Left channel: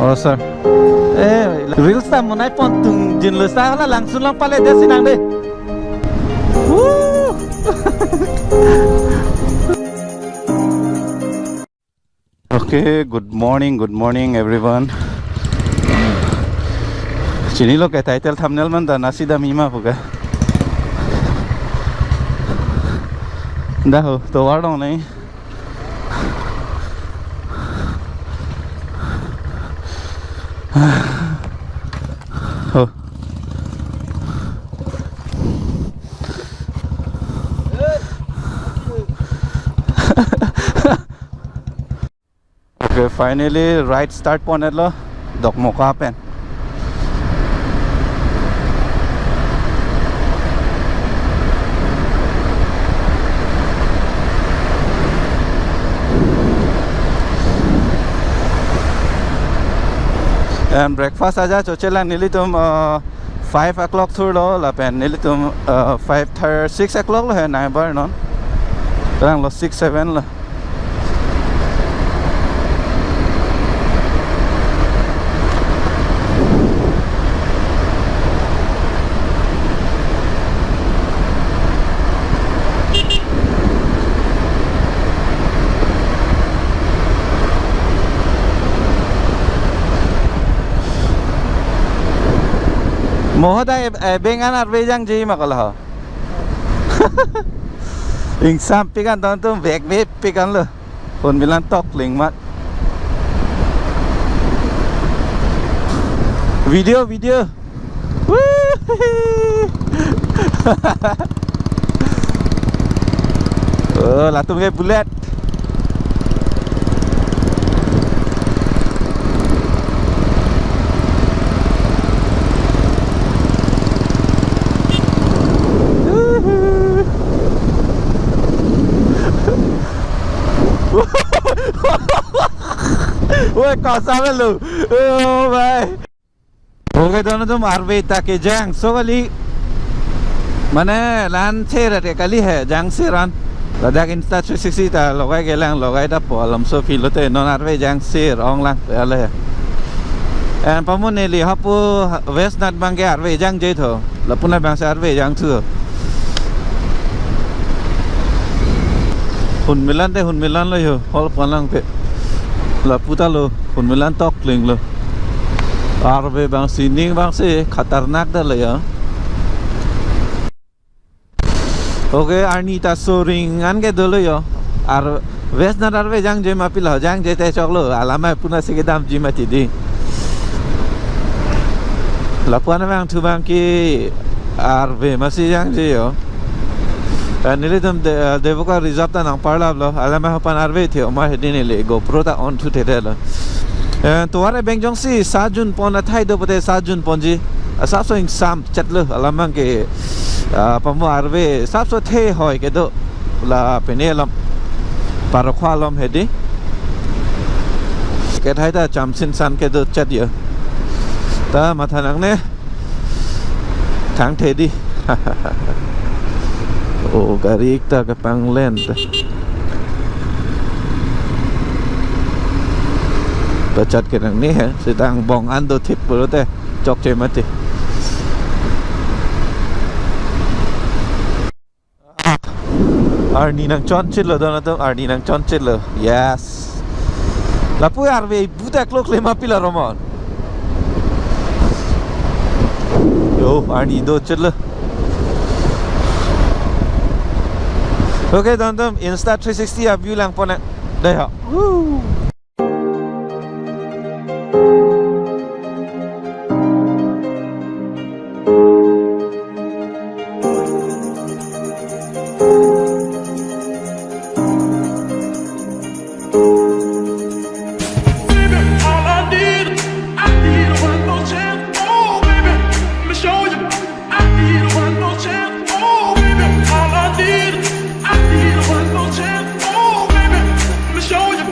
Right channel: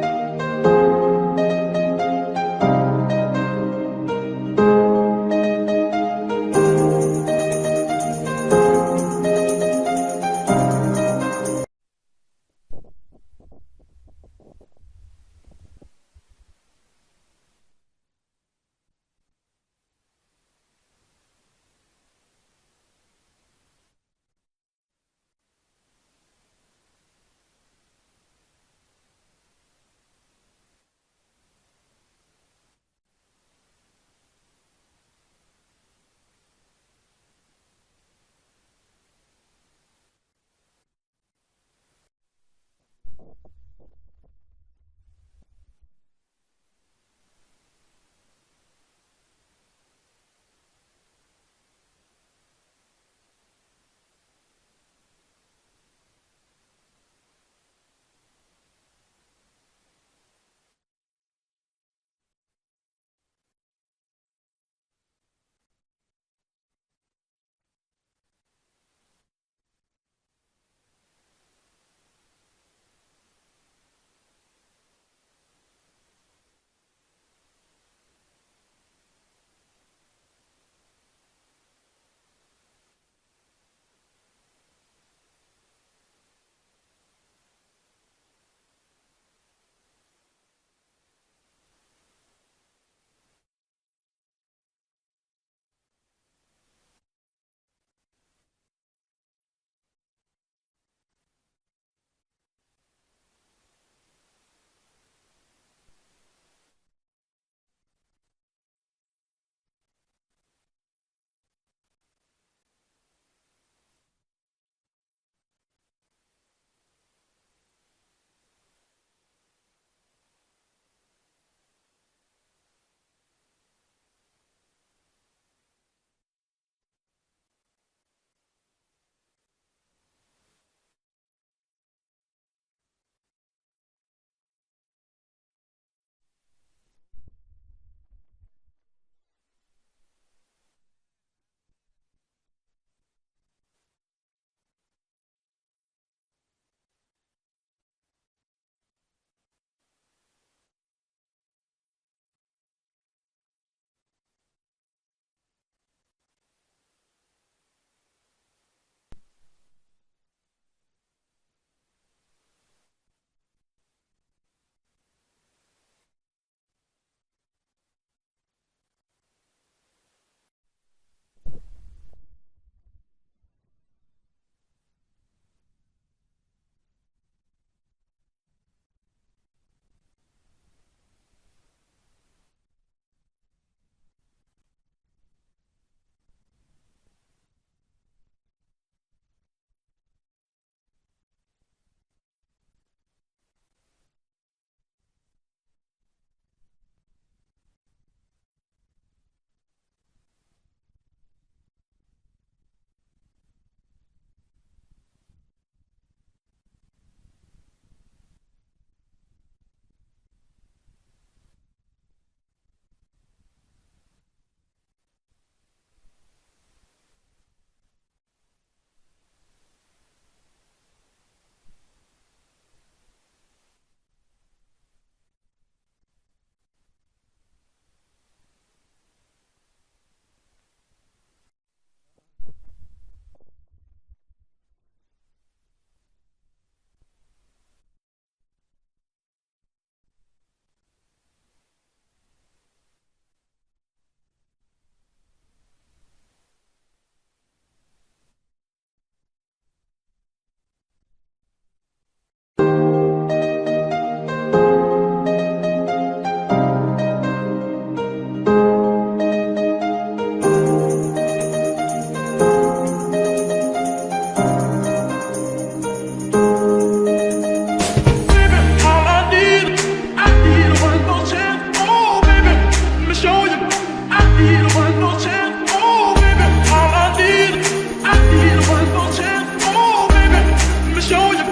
Oh sir. Reels ta mo nai pon tung jin lu sa la langsung lang pala dia sinang deh. Okay, good morning everyone. Chini lo ke title thumbnail man da nasi da mima puga. Dah ho, to war dong nahi. Oh. Okay, finally right start point lo dok moka pen. And breakfast aja chochela nearly tum 5 o'clock through lo la pen nearly tum 6 o'clock lo hai nai bar non rang lo 6-7 lo Mohoda bengan arbejang ji makala. Insam pikan don tum bek pikan lo. Pun bilang tok ling mat. Video. Oh, latung ke bullet. Woi kasa lu. Oh भाई. Okay दोनों तुम आरवे तक जंग सोगली मने लान छे रटे कली है जंग से रन लद्दाख इंस्टा 360 ता लगाई गेलां लगाई दा पलम सो फिलोते नॉन आरवे जंग से रंग लांอะไรएन पमुनेली हपु वेस्ट नट बंगे आरवे जंग जे थो लपुना बांग आरवे जंग थु हुन मिलन lo yo hol panlang pe la puta lo hun milan tok ling lo arbe bang sining bang se khatarnak da lo ya okay arnita soring an ge do lo yo ar west na arbe jang je ma pila jang je te chok lo alama puna se ge dam ji ma ti di la puana bang thu bang ki arbe ma si jang je yo Nili tum devoka reserve ta nang parla lo alama hapan arve the ma hedine le GoPro ta on thu the lo tuare bengjong si sajun pon athai do pote sajun ponji asap so sam chatlo alama ke pamu arve sap so the hoy ke do la penelam parakhwalom hedi ke thai ta chamsin san ke do chat yo ta mathanang ne thang the di Oh, garik ta ke panglen ta. Bacat ke nang ni sedang bong ando tip pula te cok je mati. Arni nang chon chit lo don tu Arni nang chon chit lo. Yes. Lapu arve buta klok lema pila romon. Yo, Arni do chit lo. Okay, teman-teman, Insta 360 view lang po na. Dah. Woo. Show you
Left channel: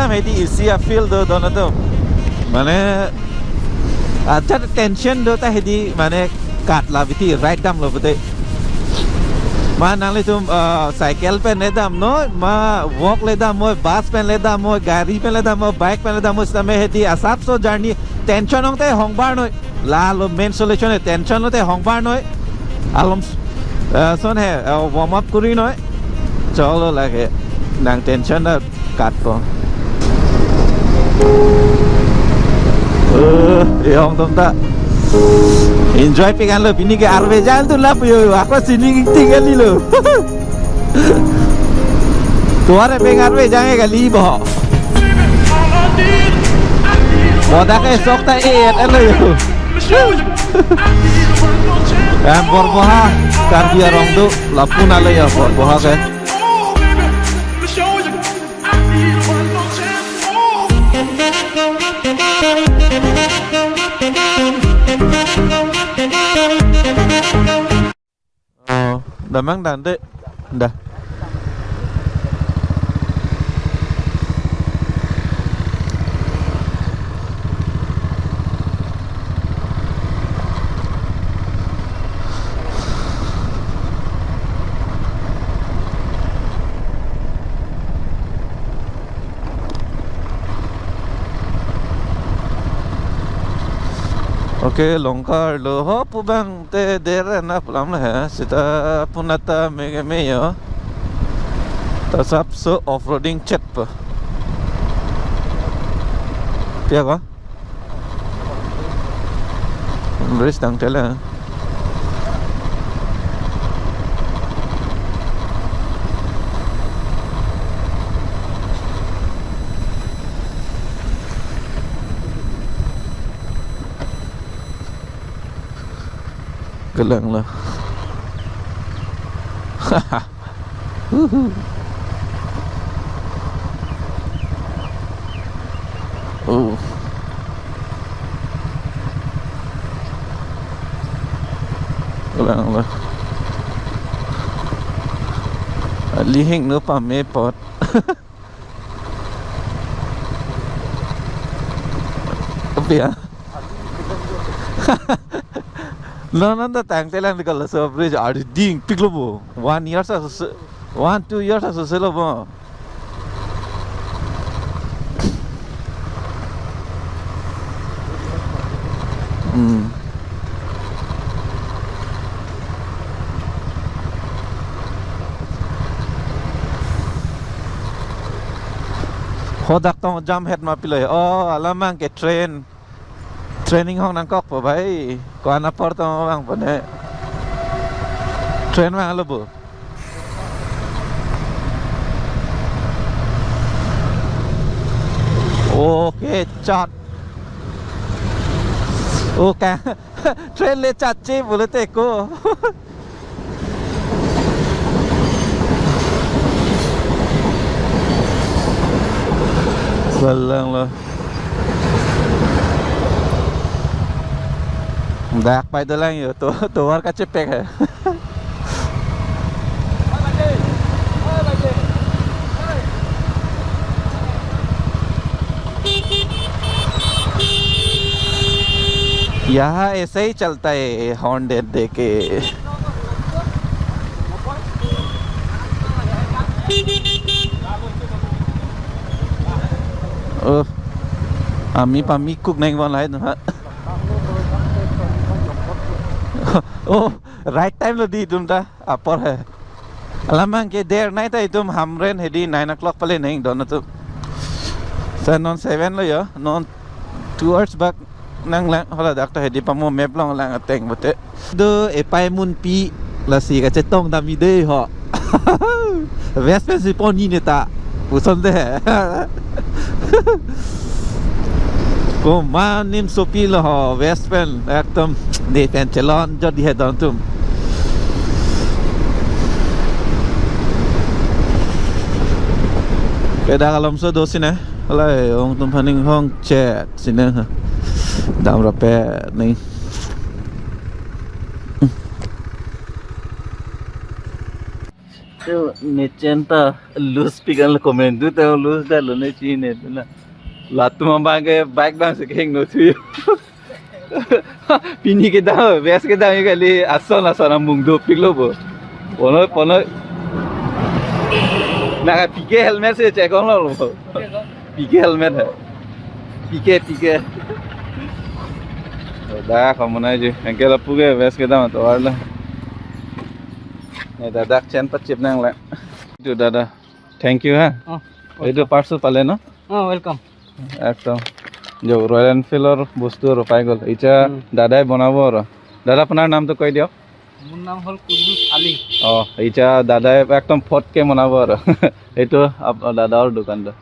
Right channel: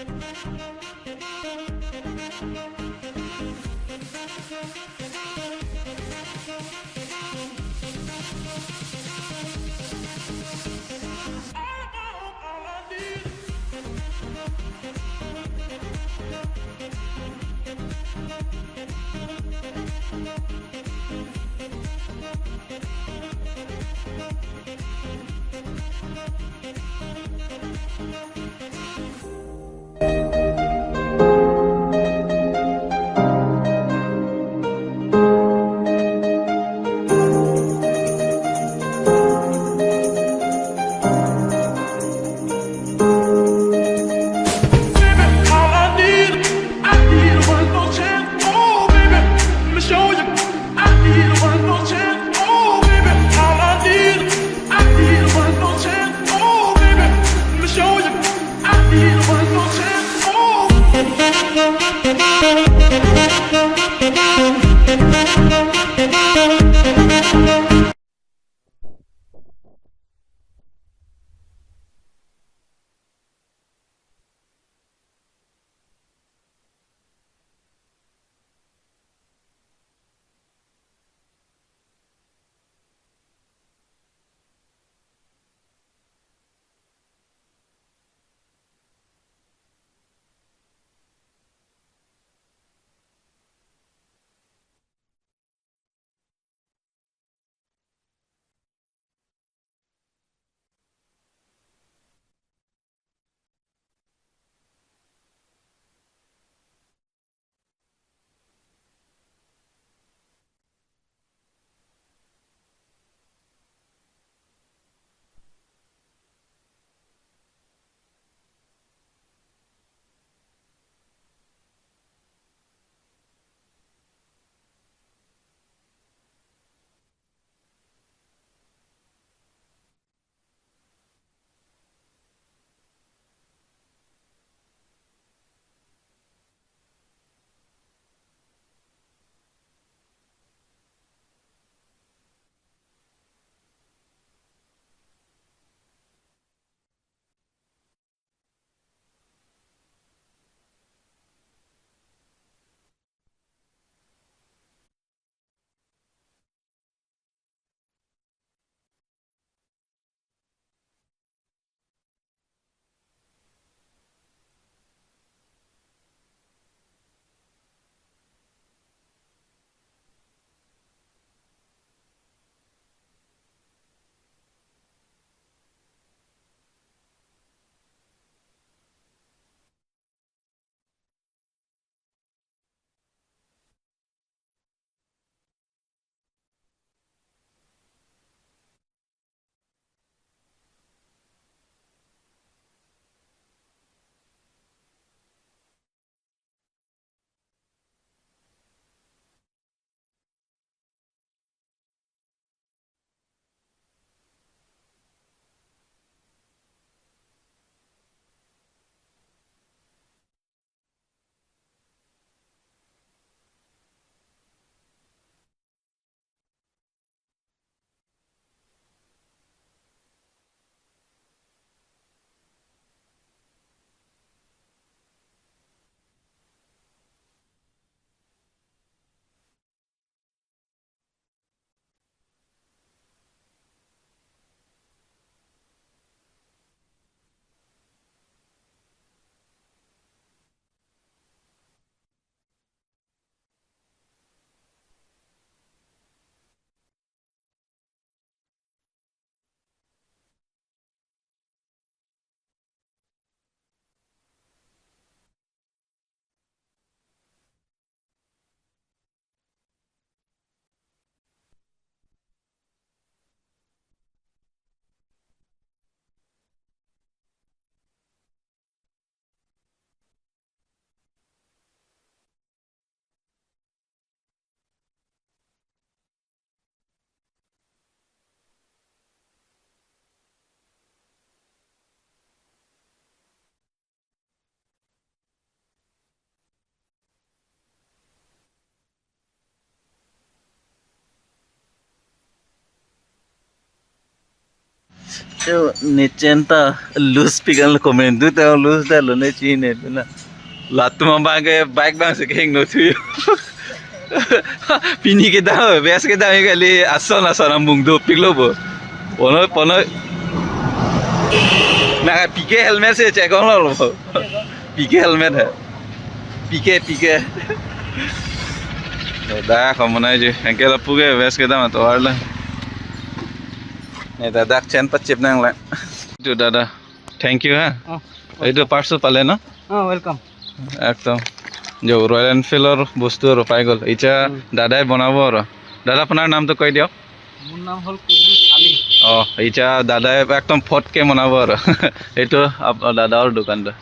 dalam hedi isi feel do dono tu mana aja tension do ta hedi mana kat lah biti right dam lo betul mana le tu cycle pe le dam no ma walk le dam mo bus pe le dam mo gari pe le dam mo bike pe le dam mo same hedi asap so journey tension ong te hongbar noi la lo main solution tension lo te hongbar noi alom son he warm up kuri noi cholo la ke nang tension da kat ko yang tum ta enjoy pegan lo bini ke arve jalan tu lah yo apa sini tinggal ni lo tuare pegan arve jangan kali boh oh dah ke sok ta lo kan borboha kan dia orang tu lapun ala ya borboha ke oh dah mang dah dek dah Oke, longkar lo ho pubang te dere na pulam lah ya. Sita punata mega meyo. Tasap so off-roading chat pa. Pia ka? Beris tang tela. Kelang lah. Oh. Kelang lah. Lihing no pa me pot. Apa ya? Nanda tang telang di kalau bridge ada ding piklo bo 1 year sa 1-2 years sa selo bo hodak tong jam head ma piloi oh alamang ke training hong nang kok po bhai kon apor to bang pone train ma lo bo okay chat okay train le chat che bolete ko salang lo Dak pai tu lang yo tu war ka cepek hai यहाँ ऐसे ही चलता है हॉर्न दे के आमी पामी कुक नहीं बन रहा है oh right time lo di tum ta apor hai alamang ke der nai tai tum hamren hedi 9 o'clock pale nahi don tu sa non 7 lo yo non 2 hours back nang lang hola dak ta hedi pamo map long lang ateng bote do e pai mun pi la si ka che tong da mi de ho vespe si poni ne ta uson de ko manim sopi lo ho vespen ekdom ne pen chalon jodi he don tum keda kalam so do sine alai ong tum paning hong chat sine ha dam rape nei Yo necenta lose pigan komen tu tao lose dah lo ne cine tu na. Latu mambang ke bike bang seking no tu. Pini ke dah, bes ke dah kali asal asal ambung do piglo bo. Pono na pike helmet se check on lo. Pike helmet hai. Pike. Dah kamu na je. Angke lapu ke bes ke dah tu arla. Ni dadak chain pat chip nang la. Tu dada. Thank you ha. Itu parcel pale na? Welcome একদম যে রয়্যাল এনফিল্ডৰ বস্তু আৰু পাই গ'ল এতিয়া দাদাই বনাব আৰু দাদা আপোনাৰ নামটো কৈ দিয়ক মোৰ নাম হ'ল কুদ্দুছ আলী এতিয়া দাদাই একদম ফটকে বনাব আৰু এইটো দাদাৰ দোকানটো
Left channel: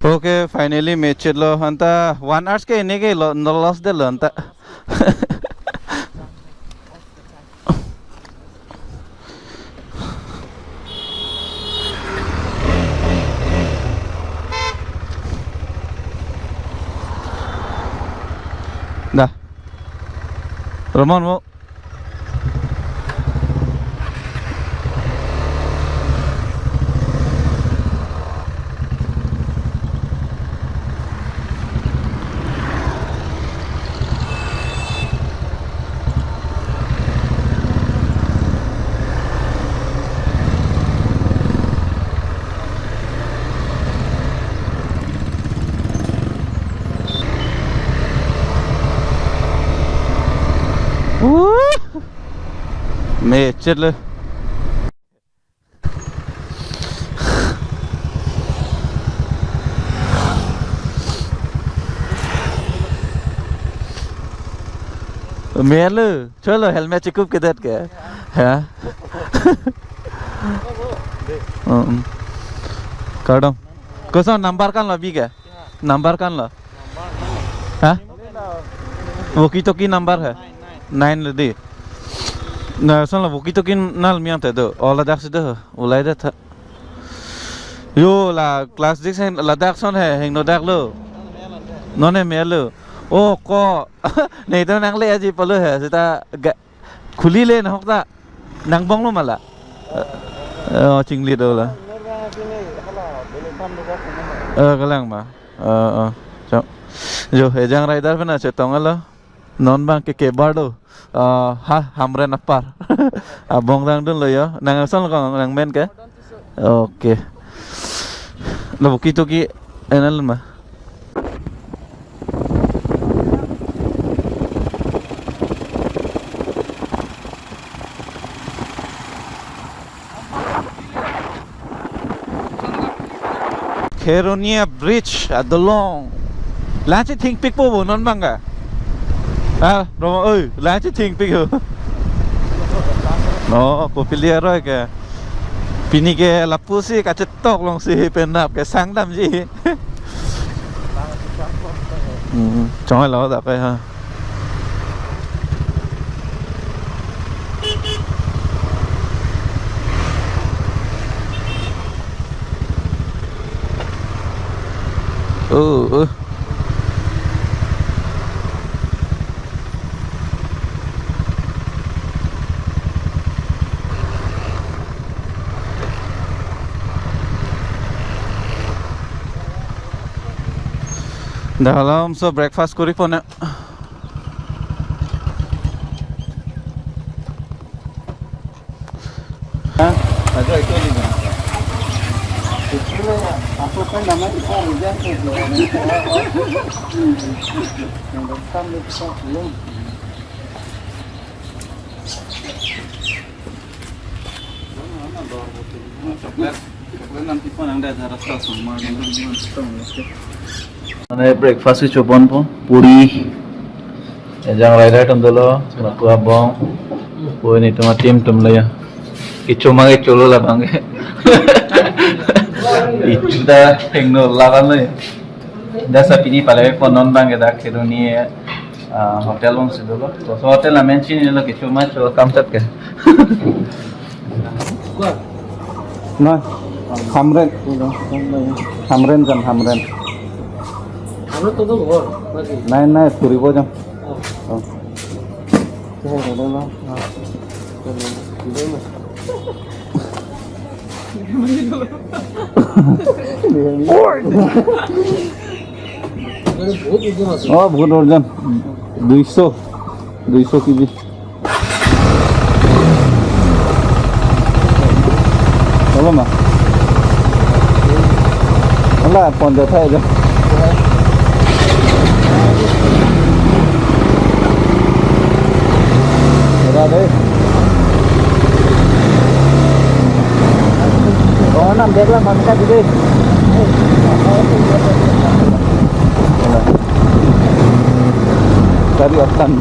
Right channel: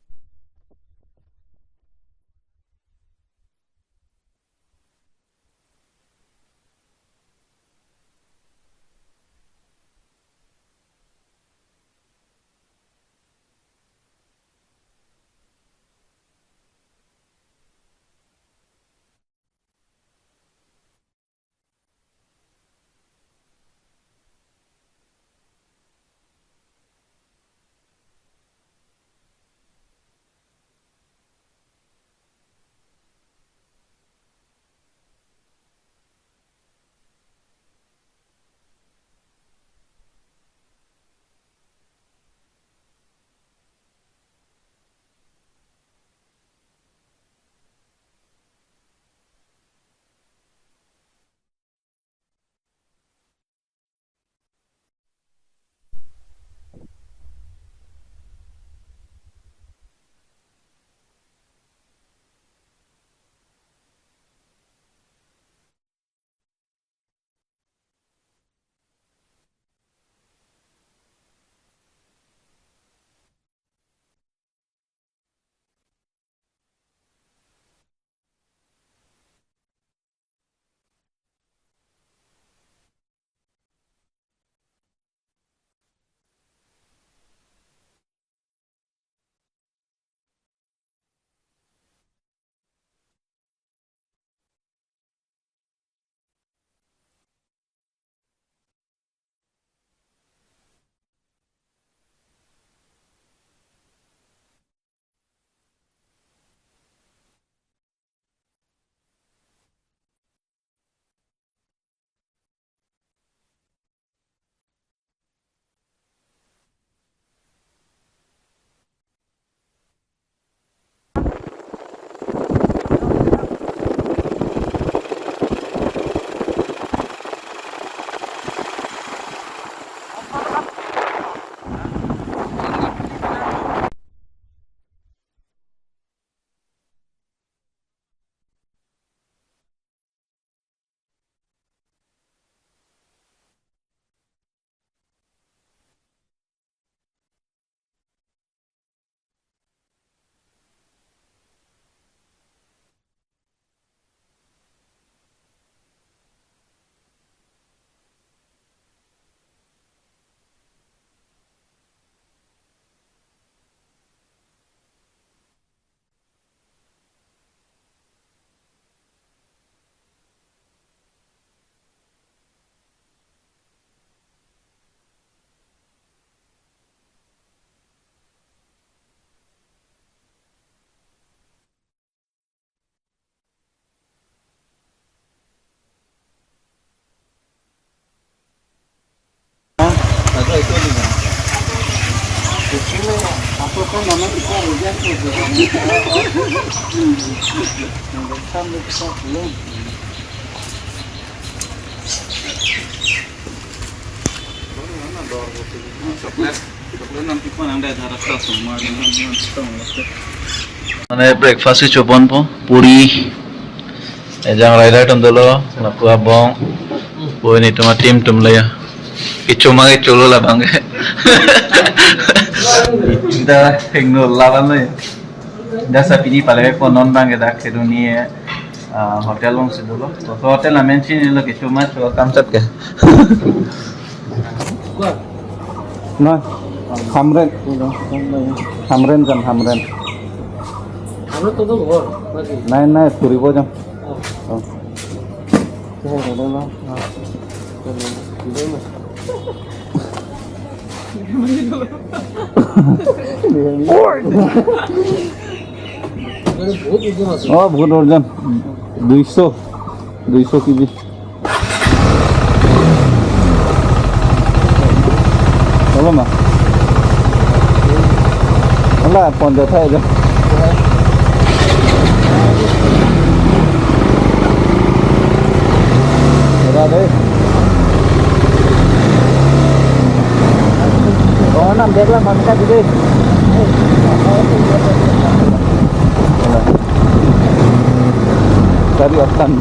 ಓಕೆ ಫೈನಲಿ ಮೇಚಿದ್ಲು ಅಂತ 1 ಅವರ್ಸ್ಗೆ ಇನ್ನೇಗೆ ಲಾಸ್ ದಿಲ್ಲ ಅಂತ Dah. Roman mau. Macet lah. Melu, chalo helmet cukup kedat ke? Ha? Kadang. Kau number kan lebih ke? Number kan lah. Hah? Walkie-talkie number है 9 लदी ना सन walkie-talkie नाल मियां ते दो और लद्दाख से दो उलाई दे था यो ला क्लास 6 है लद्दाख सन है हिंग लद्दाख लो नोने मेलो ओ को नहीं तो नंगले अजी पलो है सिता खुली ले ना होता नंग बंग लो मला चिंगली दो ला कलंग मा जो हेजंग राइडर पे ना चेतोंग लो non bang ke bardo ha hamre napar abong dang dun lo yo nang son ko nang men ke okay lo bukito ki enal ma Keronia Bridge at the long lanche think pick po non bang ka à rồi ơi lá chứ thiên pi hử nó của pili rồi kìa pini kìa là pussy cả chất tóc lòng xì bên nạp cái sáng làm gì cho ai lo đặt đây ha Dalam so breakfast kuri pun ya. Agak itu ni. Kecil ya, apa kan nama kita hujan tu. Nampak sampai besar belum. Coklat nanti pun yang dah harap semua মানে ব্রেকফাস্ট চোপন পো পুরি এজাং rider Tom দলো লাকুয়া বং ওই নি তোমার টিম টুম লয়া ইচ্ছু মাগে চলো লাবাঙ্গে ইচ্ছুদা হেংনো লাবান লয় দাসা পিনি পালে পো নন বাঙ্গে দা খেদু নিয়ে হোটেল বং সিদলো তো হোটেল না মেনশন নিলো কিছু মা চো কাম সাত কে না হামরেন জান হামরেন আমরা তো তো ঘর নাকি নাই নাই ফুৰিব যাম বহুত ওজন 200 কেজি হলো না হলো 50 হাজার নাম দেখলাম মানুষটা দিদি cari otan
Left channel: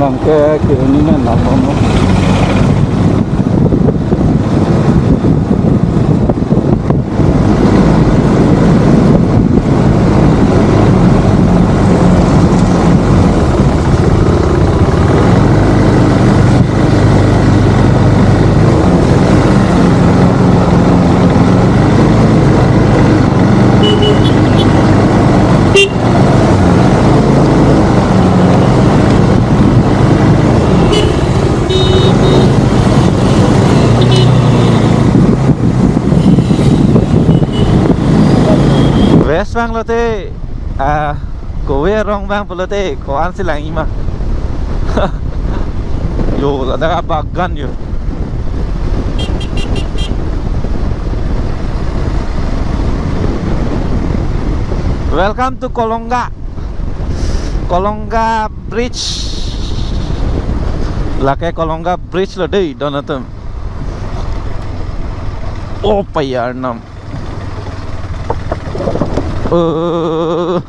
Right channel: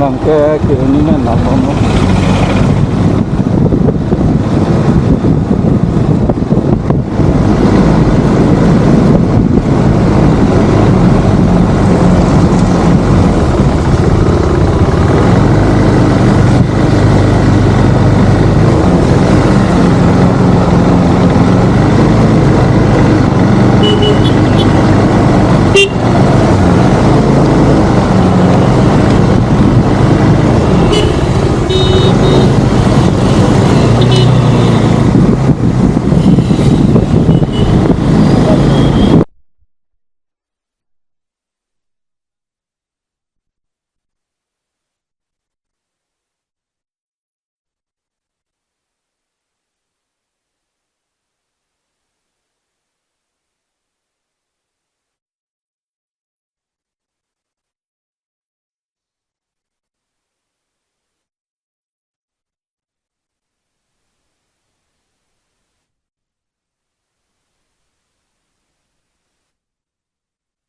lang ke ini nih nama West Bank lo te kowe rong bang pula te ko an silang ima yo ada bagan yo welcome to Kolongga Bridge lake Kolongga Bridge lo dei donatum oh payar nam oh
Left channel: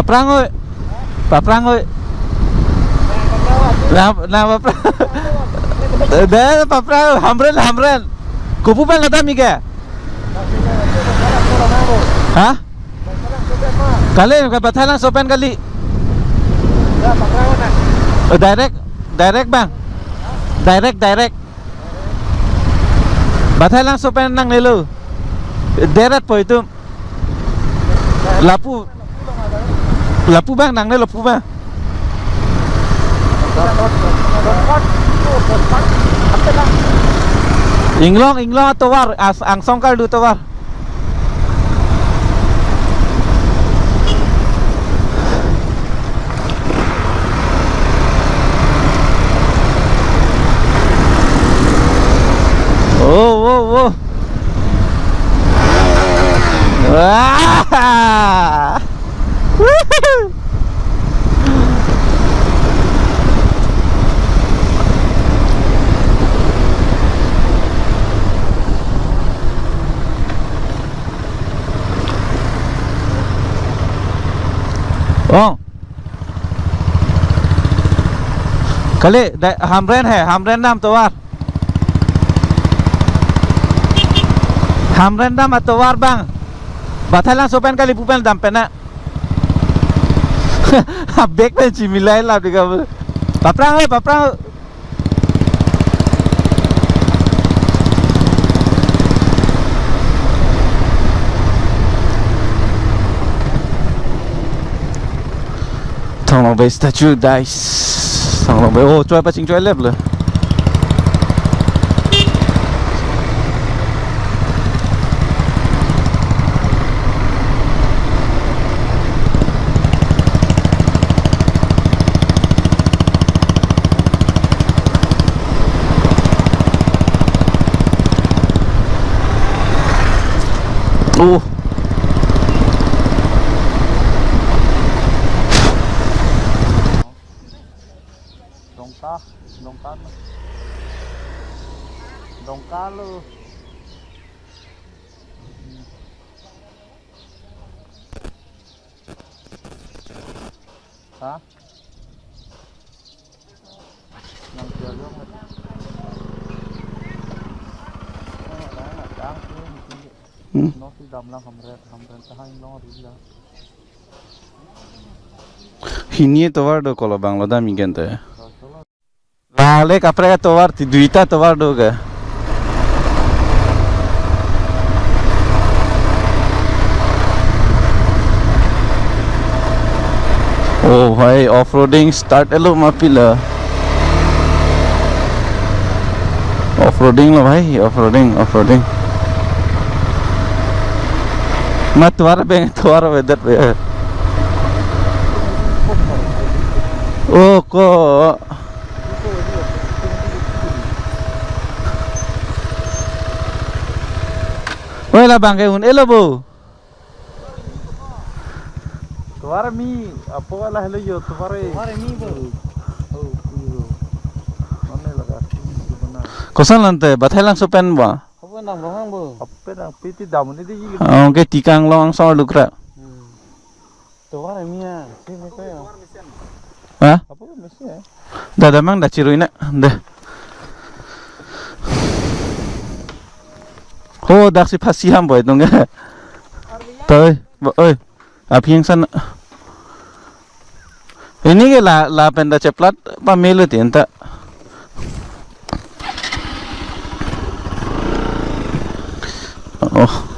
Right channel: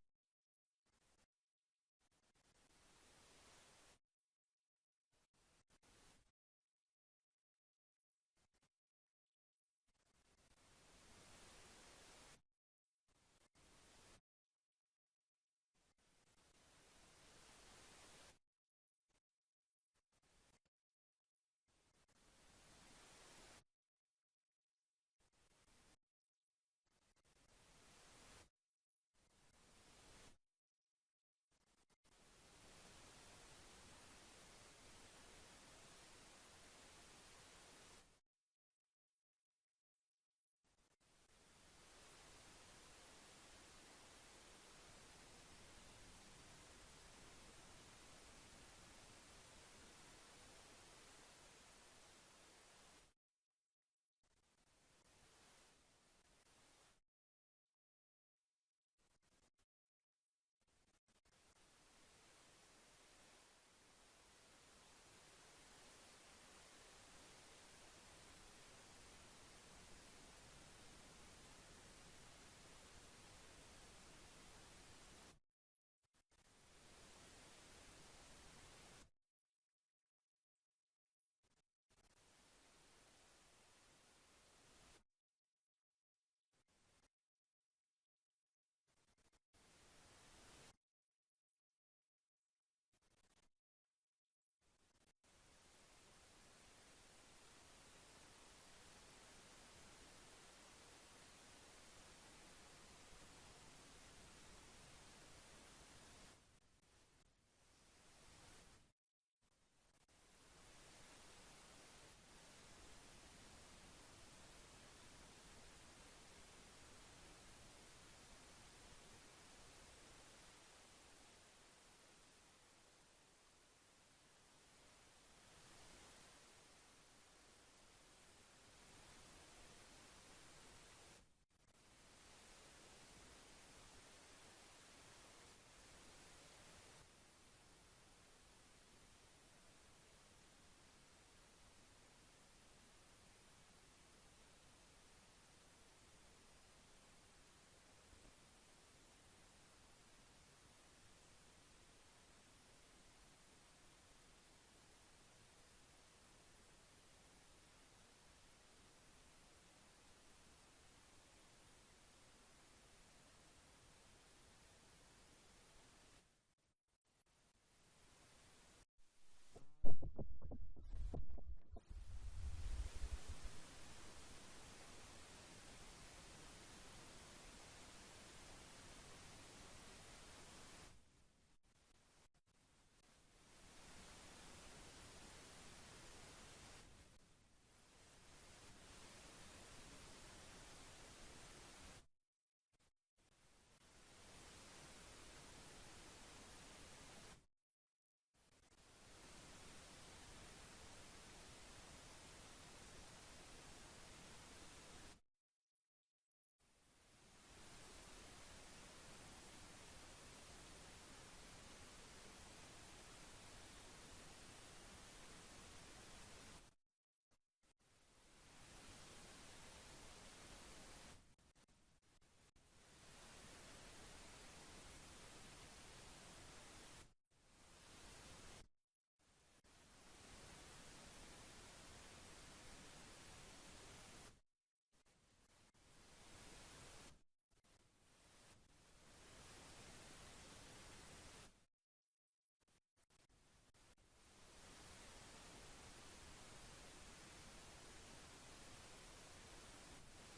Paprang oi. Paprang oi. Na paprang. Dah paprang hamren. Kupu pan lada mi ke? Hah? Kali ka Bathalang sopen kali. Direct bang. Direct. Bathalang sopen nang nilu. Direct po itu. Lapu bang nang ne lapu bang. Inglong tawar ang songkal du tawar. Oh. Wah. Oh. Kali hamren nam tawar. Hamren nam atawar bang. Bathalang sopen kali pupen dampena. Bek pe cimilai lah diga. Paprang. Thằng nó về statue dice. Thằng nó về ô chơi pa ching chơi lep le. Oh. Dongka lu. Hah? Nang jalan. Nó thì đầm là hamren tahan lo rila. Hini tawar do kola Bangladesh mingente. Vale kapre tawar ti duita tawar do ga. Oh भाई off-roading start elo mapila. Off-roading lo भाई off-roading. Mat tuara weather pe. Oh ko. Wala bangke un elo bo. Tuara mi apo wala hello yo tuara mi bo. Mana laga bana. Kosan lante Bathalang sopen ba. Apa nang lohang bo? Apa nang piti damun ini di. Oke tikang long so lukra. Tuara mi ya. Sini ko ya. Hah? Apa mesin ya? Dah mang dah ciruina dah. Oh dak si pasiham boy dong ya. Toy, oi. Api yang sana. Ini ke la penda ceplat pa melu tienta. Oh.